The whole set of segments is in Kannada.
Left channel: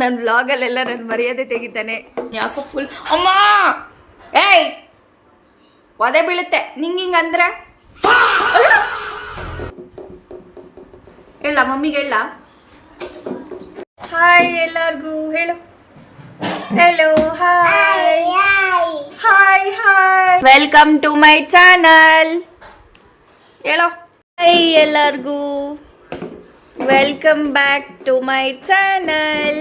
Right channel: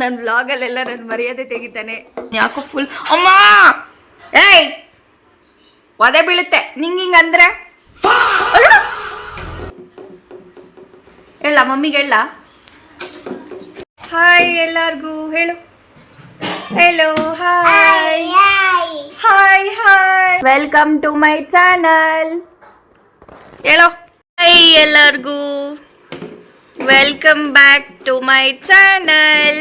ನನ್ನ ವ್ಲಾಗಲ್ಲೆಲ್ಲ ನನ್ನ ಮರ್ಯಾದೆ ತೆಗಿತಾನೆ. ಯಾಕೋ ಫುಲ್ ಅಮ್ಮ ಏಯ್ ಒದೆ ಬೀಳುತ್ತೆ ನಿಂಗೆ ಅಂದ್ರೆ. ಹೇಳ ಮಮ್ಮಿಗೆ ಹೇಳ. ಹಾಯ್ ಎಲ್ಲರಿಗೂ ಹೇಳು. Hello hi hi hi welcome to my channel. ಹೇಳೋ ಹಾಯ್ ಎಲ್ಲರಿಗೂ welcome back to my channel.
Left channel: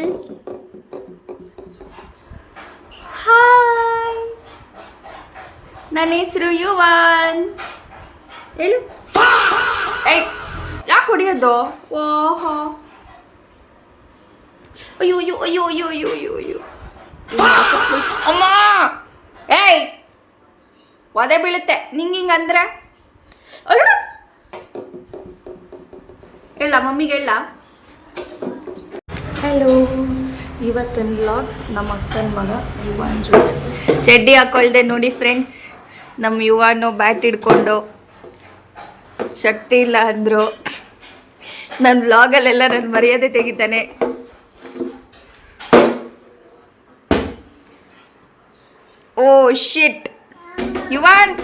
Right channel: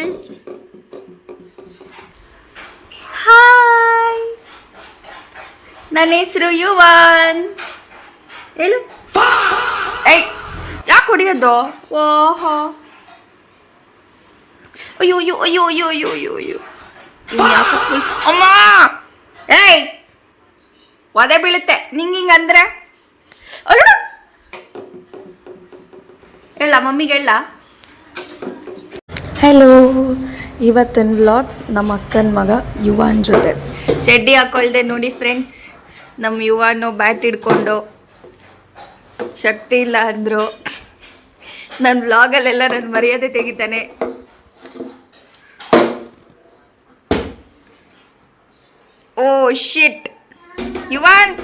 Hi ನನ್ನ ಹೆಸರು ಯುವಾನ್. ಹೇಳು. ಏಯ್ ಯಾಕೆ ಹೊಡಿಯೋದು? ಓಹೋ ಅಯ್ಯೋ ಅಯ್ಯೋ ಅಯ್ಯೋ ಅಯ್ಯೋ ಅಯ್ಯೋ ಅಯ್ಯೋ ಅಯ್ಯೋ ಅಮ್ಮ ಏಯ್ ಒದೆ ಬೀಳುತ್ತೆ ನಿಂಗೆ ಅಂದ್ರೆ. ಹೇಳ ಮಮ್ಮಿಗೆ ಹೇಳ. ಹಲೋ, ಇವತ್ತಿನ ವ್ಲಾಗ್ ನಮ್ಮ ಅಕ್ಕನ ಮಗ ಯುವಾನ್ ಜೊತೆ. ಚಡ್ಡಿ ಹಾಕೊಳ್ದೆ ನೋಡಿ ಫ್ರೆಂಡ್ಸ್, ನಮ್ಮ ಯುವಾನು ಬ್ಯಾಟ್ ಹಿಡ್ಕೊಂಡು ಶಕ್ತಿ ಇಲ್ಲ ಅಂದರು. ನನ್ನ ವ್ಲಾಗಲ್ಲೆಲ್ಲ ನನ್ನ ಮರ್ಯಾದೆ ತೆಗಿತಾನೆ. ಓ ಶಿಟ್ ಯುವಾನ್,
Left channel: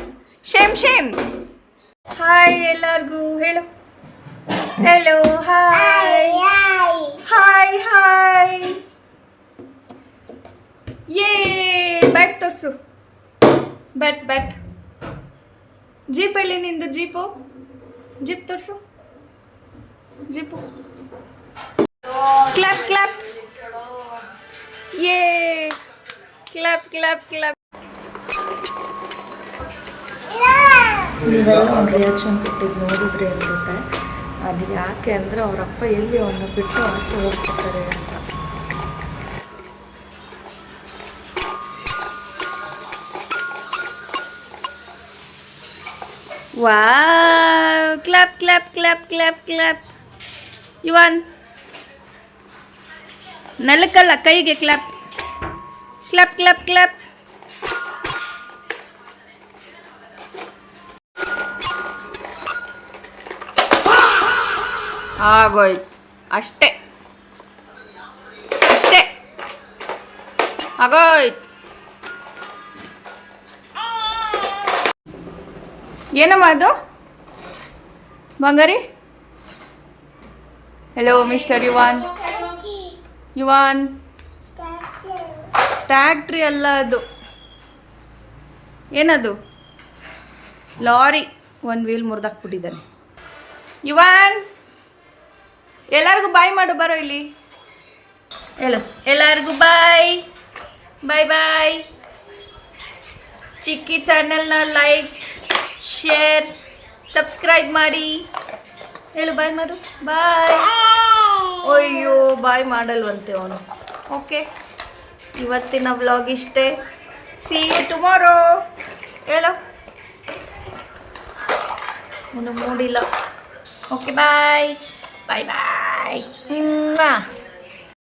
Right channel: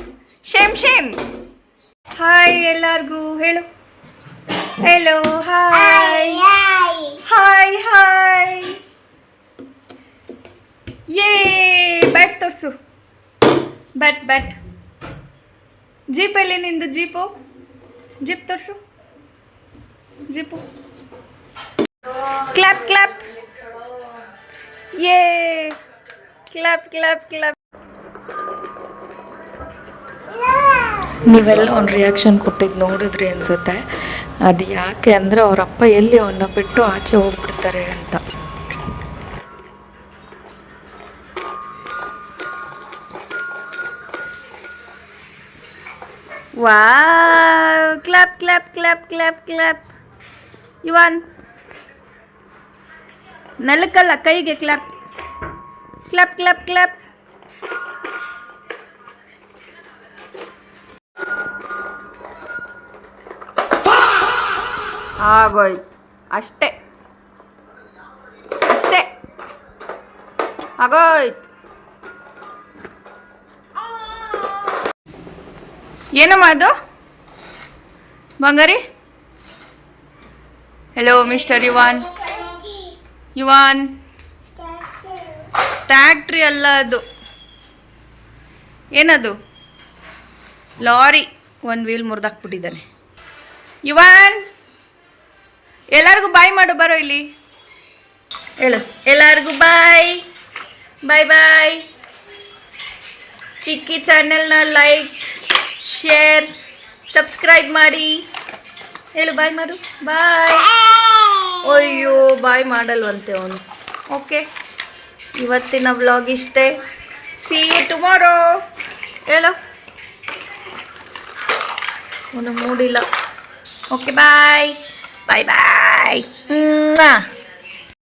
ಶೇಮ್ ಶೇಮ್. ಹಾಯ್ ಎಲ್ಲರಿಗೂ ಹೇಳು. ಹೆಲೋ ಹಾಯ್ ಹಾಯ್ ಹಾಯ್ ಯೇ ಬ್ಯಾಟ್ ತೋರಿಸು. ಬ್ಯಾಟ್ ಜೀಪಲ್ಲಿ ನಿಂದು ಜೀಪು. ಜೀಪ್ ತೋರಿಸು. ಜೀಪು ಕ್ಲಾಪ್ ಕ್ಲಾಪ್ ಯೇ ಕ್ಲಾಪ್ ಕ್ಲಾಪ್ ಕ್ಲಾಪ್. ನೀವೆಲ್ಲ ಒಂದು ರಿಯಾಕ್ಷನ್ ಕೊಟ್ಟಿದ್ದು ನೋಡಿದ್ರಿ ಅನ್ಸುತ್ತೆ. ಅದು ಯಾಕೆ ಅಂದರೆ ಅವರಪ್ಪ ಎಲ್ಲಿ ಅವನ್ನ ಬಿಟ್ಟು ಆಚೆ ಹೋಗ್ಬಿಡ್ತಾರೆ ಅಂತ. Wow clap clap clap clap clap. ಯುವಾನ್ ನೆಲಕ್ಕಲ್ಲ ಕೈಗೆ ಕ್ಲಾಪ್ ಕ್ಲಾಪ್ ಕ್ಲಾಪ್ ಕ್ಲಾಪ್. ಆಗೋಯ್ತು ಅಷ್ಟೇ ಅಷ್ಟೇ ಆಗೋಯ್ತು. ಏನಮ್ಮ ಅದು ಬಂಗಾರಿ? Hello mister yuan. ಯುವಾನ್ ಟ್ಯಾಕ್ಟ್ರಿ ಅಲ್ಲ ಅದು. ಏನದು? ಲಾರಿ. ಒಂದು ವೀಲ್ ಮುರಿದಾಕ್ಬಿಟ್ಟಿದ್ದಾನೆ. ಯುವಾನ್ ಎಲ್ಲರಿಗೂ ಬಾಯ್ ಮಾಡು. ಬರೋ ಇಲ್ಲಿ ಹೇಳು. ಎಲ್ಲರಿಗೂ ಬಾಯ್ ಬಾಯ್ ಬಾಯ್. ಚಿಕ್ಕಿ ಚಾನೆಲ್ನ ಲೈಕ್ ಶೇರ್ ಸಬ್ಸ್ಕ್ರೈಬ್ ಮಾಡಿ. ಹೇಳು ಬಾಯ್ ಮಾಡು. ಬಾಯ್. ಅಯ್ಯೋ ಬಾಯ್ ಮಾಡಲ್ವಂತೆ ಅವನು. ಓಕೆ, ಇವತ್ತಿನ ವ್ಲಾಗ್ ಇಷ್ಟೇ. See you tomorrow. ಹೇಳು. ಅವನು ಮೂಡಿಲ್ಲ. ಓಕೆ ಬಾಯ್ ಬಾಯ್ ಬಾಯ್.